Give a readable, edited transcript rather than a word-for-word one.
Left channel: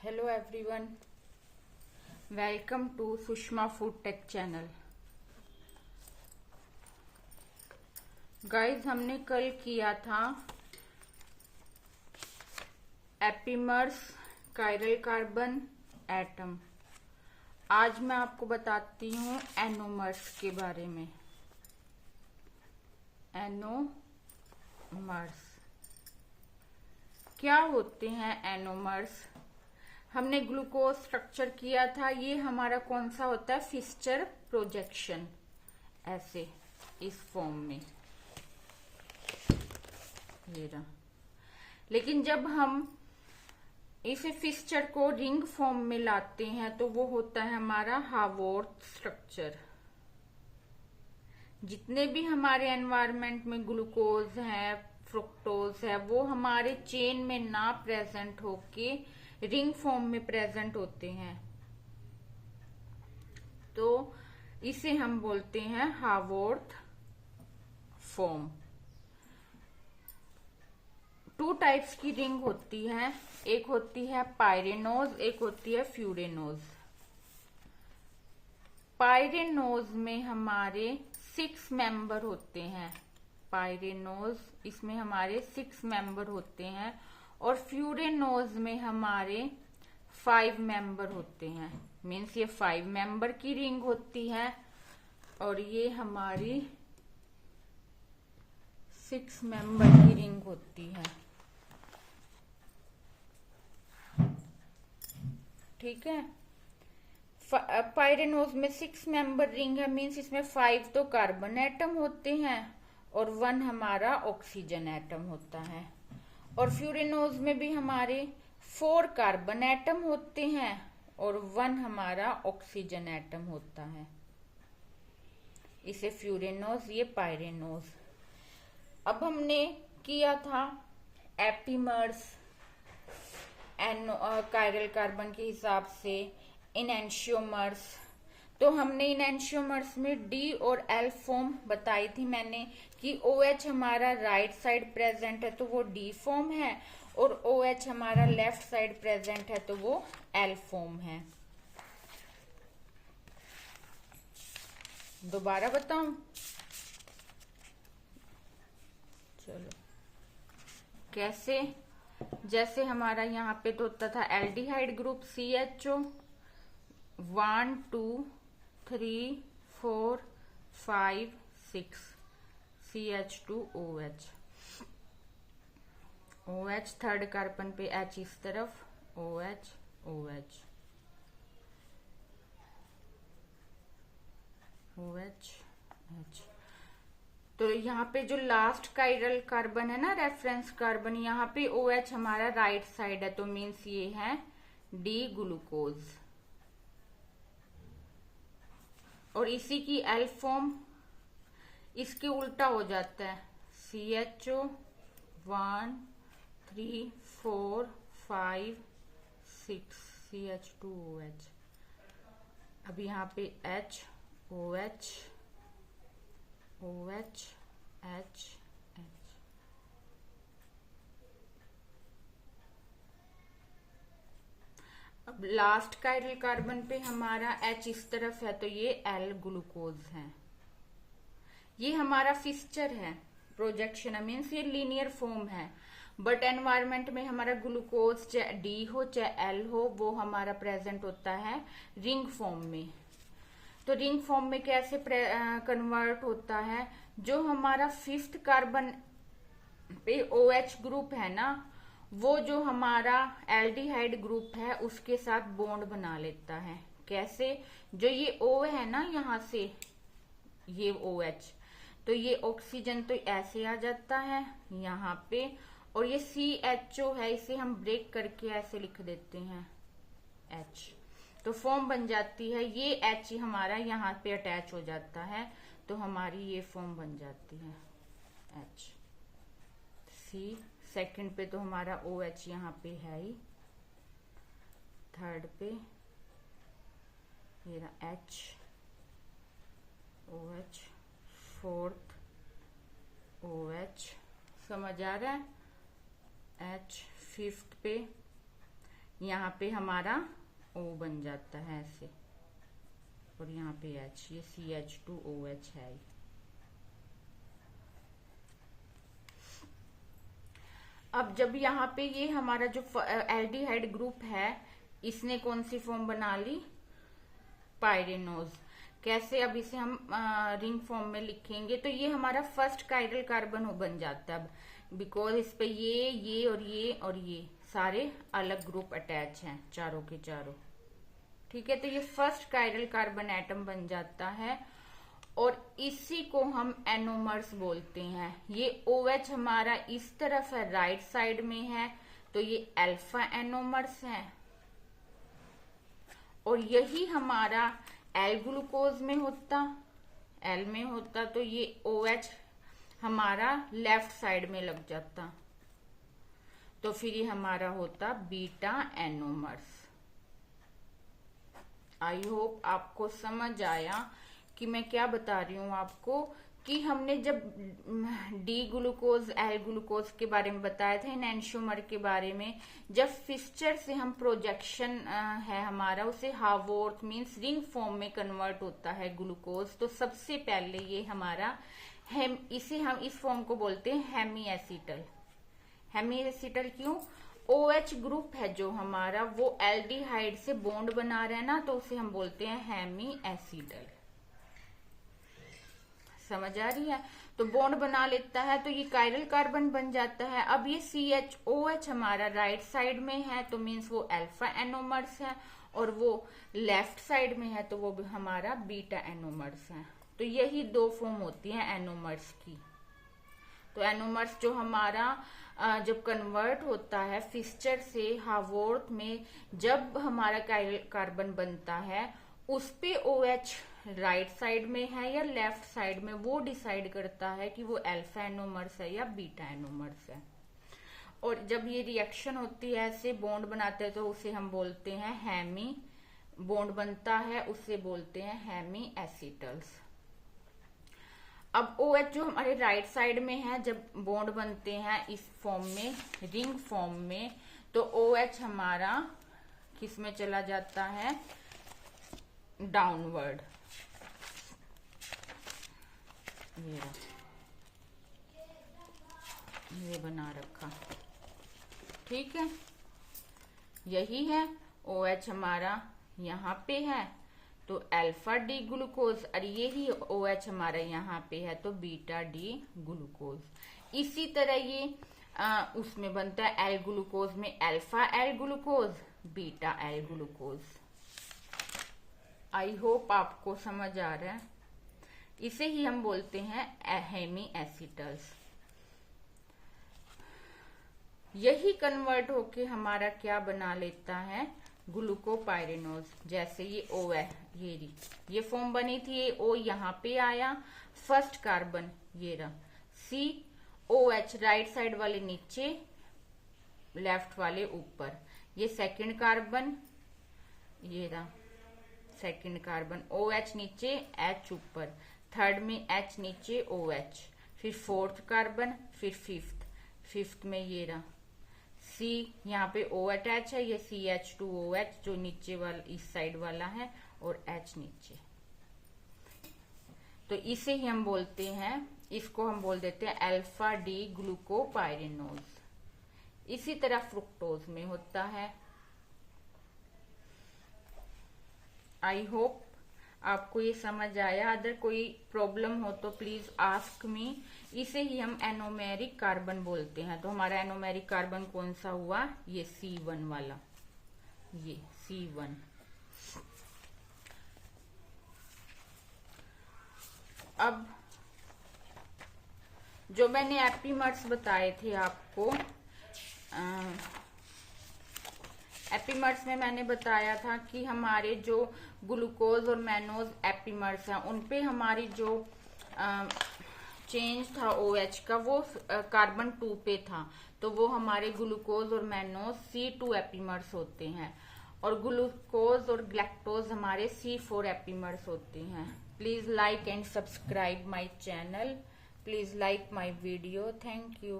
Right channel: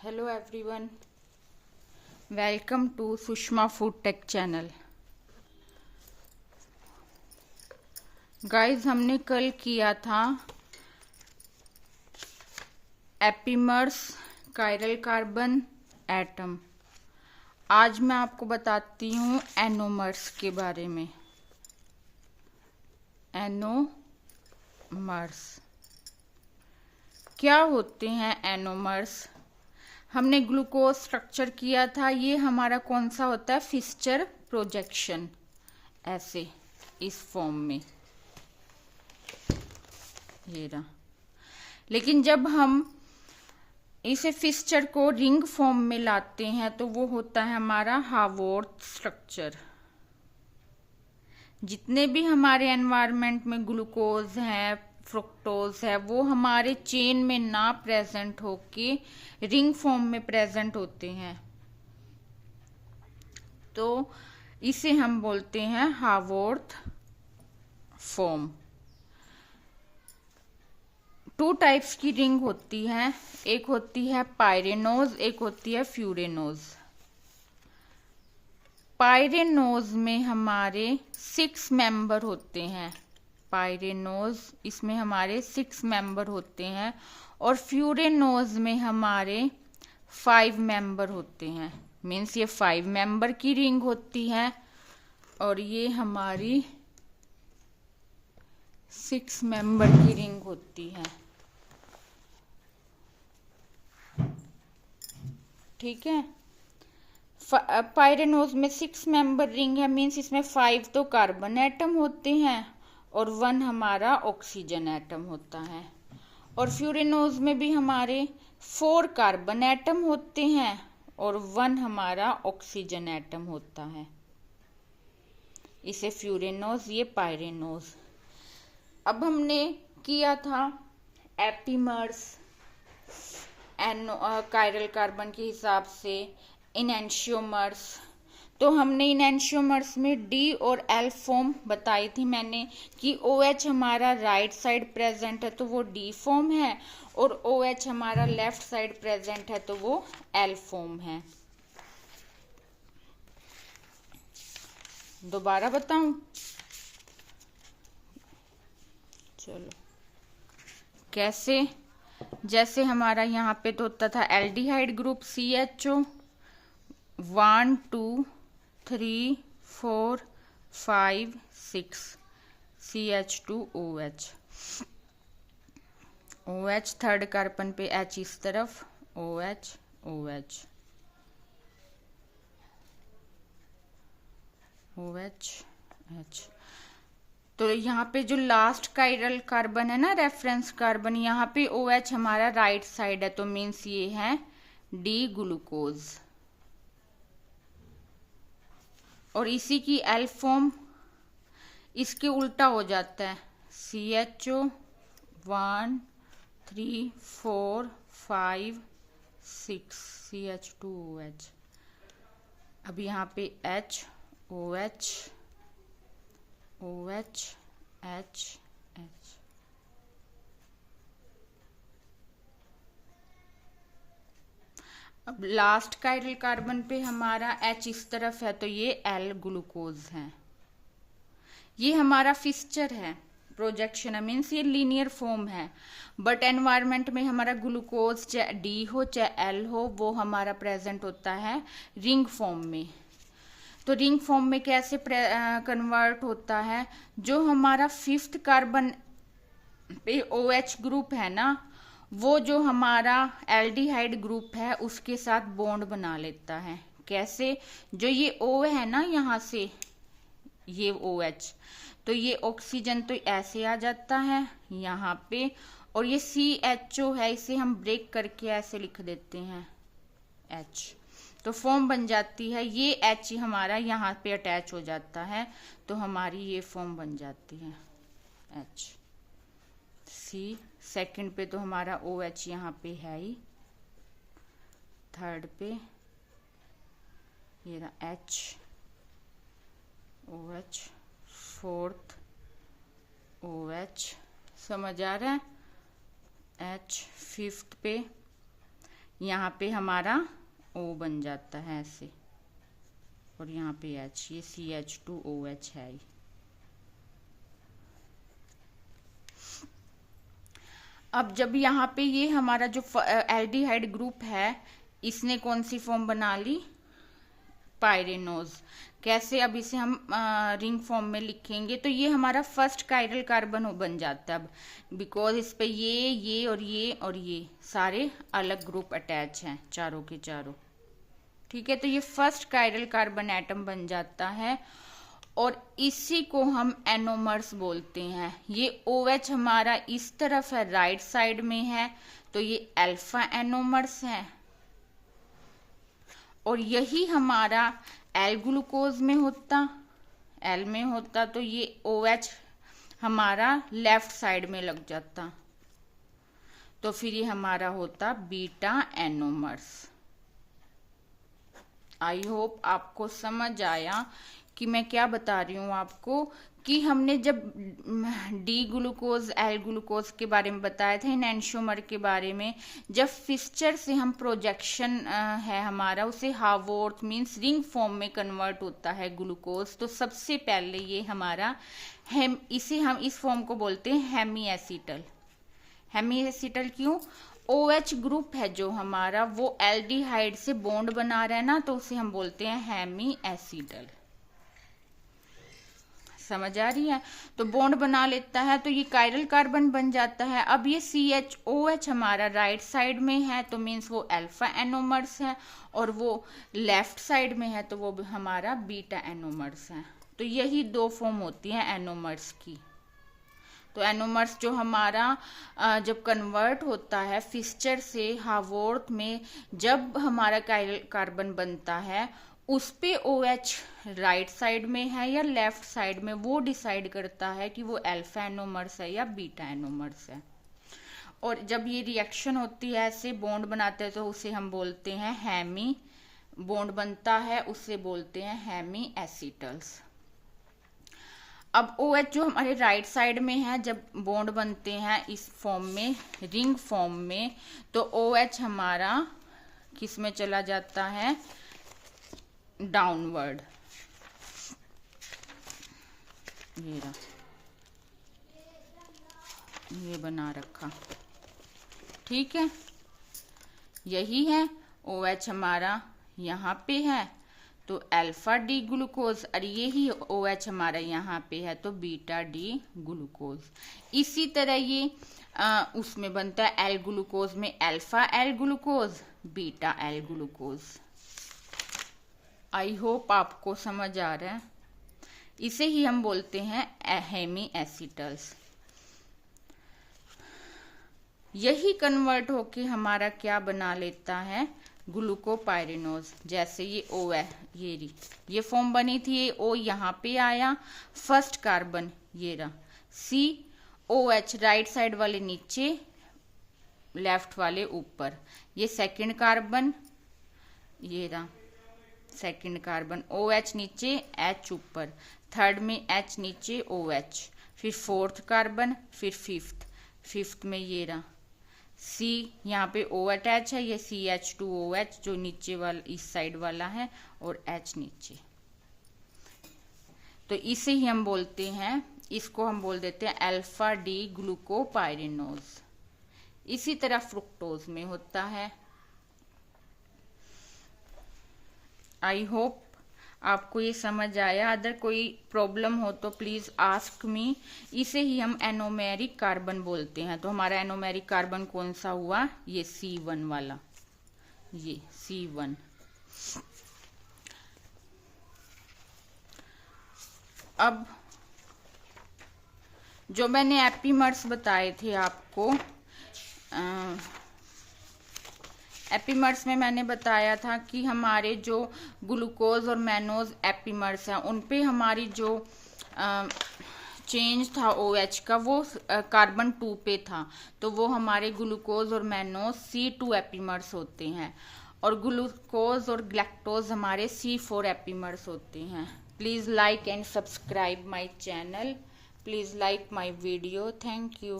Hello everyone, welcome to Sushma food tech channel. Guys, हमने कल किया था एपिमर्स कायरल कार्बन एटम। आज मैं आपको बताती हूँ एनोमर्स के बारे में। एनोमर्स क्या होते हैं? एनोमर्स हमने ग्लूकोज स्ट्रक्चर किया था। ये हमारा कौन सा होता है? फिस्चर प्रोजेक्शन, ऐसे इस फॉर्म में ये रहा। लेकिन जब हम इसे फिस्चर को रिंग फॉर्म में लाते हैं तो वो होता है हमारा हावर्थ स्ट्रक्चर। जितने भी हमारे एनवायरनमेंट में ग्लूकोज है, फ्रुक्टोज है, वो हमारे चेन में ना प्रेजेंट होके रिंग फॉर्म में प्रेजेंट होते हैं, तो इसे हम बोलते हैं हावर्थ फॉर्म। 2 टाइप्स की रिंग होती है, एक होती है पायरेनोज, एक होती है फ्यूरेनोज। पायरेनोज में हमारे 6 मेंबर होते हैं। पायरेनोज इसमें हमारे 6 मेंबर होते हैं और फ्यूरेनोज में हमारे 5 मेंबर होते हैं। मीन्स ये 5 मेंबर की रिंग होती है और ये हमारी 6 मेंबर की रिंग होती है। ठीक है। पायरेनोज में 6 मेंबर रिंग है, मीन्स इसमें 5 तो कार्बन एटम होते हैं और 1 हमारा ऑक्सीजन एटम होता है। और फ्यूरेनोज में भी हमारे 4 कार्बन एटम होते हैं और 1 हमारा ऑक्सीजन एटम होता है। इसे फ्यूरेनोज, ये पायरेनोज। अब हमने किया था एपिमर्स कायरल कार्बन के हिसाब से, इनैंशियोमर्स। तो हमने इनैंशियोमर्स में डी और एल फॉर्म बताई थी मैंने कि OH हमारा राइट साइड प्रेजेंट है तो वो डी फॉर्म है, और OH हमारा लेफ्ट साइड प्रेजेंट है तो वो एल फॉर्म है। दोबारा बताऊं? चलो, कैसे? जैसे हमारा यहाँ पे तो होता था aldehyde group CHO 1 2 3 4 5 6 CH2OH। OH third carbon पे H इस तरफ, OH OH OH H। तो यहाँ पे जो लास्ट कायरल कार्बन है ना, रेफरेंस कार्बन, यहाँ पे OH हमारा राइट साइड है तो मीन्स ये है डी ग्लूकोज। और इसी की एल फॉर्म इसके उल्टा हो जाता है, CHO 1 3 4 5 6 CH2OH। अब यहाँ पे H OH OH H H। अब लास्ट कायरल कार्बन पे हमारा H इस तरफ है तो ये L ग्लूकोज है। ये हमारा फिस्चर है, प्रोजेक्शन है, मीन्स ये लीनियर फॉर्म है। बट एनवायरनमेंट में हमारा ग्लूकोज चाहे D हो चाहे L हो, वो हमारा प्रेजेंट होता है रिंग फॉर्म में। तो रिंग फॉर्म में कैसे कन्वर्ट होता है? जो हमारा 5th कार्बन पे OH ग्रुप है ना, वो जो हमारा एल्डिहाइड ग्रुप है उसके साथ बॉन्ड बना लेता है। कैसे? जो ये O है ना, यहाँ से ये OH, तो ये ऑक्सीजन तो ऐसे आ जाता है यहाँ पे, और ये CHO है, इसे हम ब्रेक करके ऐसे लिख देते हैं H, तो फॉर्म बन जाती है। ये H हमारा यहाँ पे अटैच हो जाता है तो हमारी ये फॉर्म बन जाती है H C। सेकंड पे तो हमारा OH यहाँ पे है ही, थर्ड पे ये रहा H OH, फोर्थ OH, समझ आ रहा है? H, फिफ्थ पे यहाँ पे हमारा O बन जाता है ऐसे, और यहाँ पे H, ये CH2OH है। अब जब यहाँ पे ये हमारा जो एल्डिहाइड ग्रुप है, इसने कौन सी फॉर्म बना ली, पायरेनोज। कैसे, अब इसे हम रिंग फॉर्म में लिखेंगे तो ये हमारा फर्स्ट कायरल कार्बन बन जाता है। अब बिकॉज इस पे ये और ये सारे अलग ग्रुप अटैच हैं, चारों के चारों। ठीक है, तो ये फर्स्ट कायरल कार्बन एटम बन जाता है, और इसी को हम एनोमर्स बोलते हैं। ये OH हमारा इस तरफ है, राइट साइड में है, तो ये अल्फा एनोमर्स है। और यही हमारा एल ग्लूकोज में होता, एल में होता, तो ये OH हमारा लेफ्ट साइड में लग जाता, तो फिर ये हमारा होता बीटा एनोमर्स। आई होप आपको समझ आया कि मैं क्या बता रही हूँ आपको, कि हमने जब डी ग्लूकोज एल ग्लूकोज के बारे में बताया था, इन एंशोमर के बारे में, जब फिस्चर से हम प्रोजेक्शन है हमारा, उसे हावोर्थ मीन्स रिंग फॉर्म में कन्वर्ट होता है ग्लूकोज, तो सबसे पहले ये हमारा इसे हम इस फॉर्म को बोलते हैं हेमी एसिटल। हेमी एसिटल क्यों, OH ग्रुप है जो हमारा, वो एल्डिहाइड से बॉन्ड बना रहा है ना, तो उसे हम बोलते हैं हेमी एसिटल। समझ आ रही है, तो बॉन्ड बना लेता है, तो ये कायरल कार्बन बन जाता है। अब ये CHOH हमारा राइट साइड में है, तो मीन्स वो अल्फा एनोमर्स है, और वो लेफ्ट साइड में है, तो वो हमारा बीटा एनोमर्स है। तो यही दो फॉर्म होती है एनोमर्स की। तो एनोमर्स जो हमारा जब कन्वर्ट होता है फिस्चर से हावोर्थ में, जब हमारा कायरल कार्बन बनता है, उस पे OH राइट साइड में है या लेफ्ट साइड में, वो डिसाइड करता है कि वो अल्फा एनोमर्स है या बीटा एनोमर्स है। और जब ये रिएक्शन होती है, ऐसे बॉन्ड बनाते हैं, तो उसे हम बोलते हैं हेमी, बॉन्ड बनता है उसे बोलते हैं हेमी एसिटल्स। अब OH जो हमारे राइट साइड में है, जब बॉन्ड बनते हैं इस फॉर्म में, रिंग फॉर्म में, तो OH हमारा किस में चला जाता है, डाउनवर्ड। ये बना रखा, ठीक है, यही है। OH हमारा यहाँ पे है, तो अल्फा डी ग्लूकोज, और यही OH हमारा यहाँ पे है, तो बीटा डी ग्लूकोज। इसी तरह ये उसमें बनता है एल ग्लूकोज में, alpha L glucose, beta L glucose. I hope आपको समझ आ रहा है। इसे ही हम बोलते हैं हेमी एसिटल्स। यही कन्वर्ट होके हमारा क्या बना लेता है, ग्लूकोपाइरेनोज। जैसे ये O है, ये फॉर्म बनी थी, ये O यहाँ पे आया, फर्स्ट कार्बन ये रहा, COH राइट साइड वाले नीचे, लेफ्ट वाले ऊपर, ये सेकंड कार्बन, ये रहा सेकंड कार्बन, OH नीचे H ऊपर, थर्ड में H नीचे OH, फिर फोर्थ कार्बन, फिर फिफ्थ में ये रहा C, यहाँ पे O अटैच है, ये CH2OH जो नीचे वाला इस साइड वाला है, और H नीचे, तो इसे ही हम बोलते हैं, इसको हम बोल देते हैं अल्फा डी ग्लूकोपाइरेनोज। इसी तरह फ्रुक्टोज में होता है। आई होप आपको ये समझ आया। अगर कोई प्रॉब्लम हो तो प्लीज आस्क मी। इसे ही हम एनोमेरिक कार्बन बोलते हैं। तो हमारा एनोमेरिक कार्बन कौन सा हुआ, ये C1 वाला, ये C1। अब जो मैंने एपीमर्स बताए थे आपको, एपीमर्स में मैंने बताया था कि हमारे जो ग्लूकोज और मैनोज एपीमर्स हैं, उन पे हमारी जो चेंज था OH का, वो कार्बन 2 पे था, तो वो हमारे ग्लूकोज और मैनोज C2 एपीमर्स होते हैं, और ग्लूकोज और ग्लैक्टोज हमारे C4 एपीमर्स होते हैं। Please like and subscribe my channel, please like my video, thank you.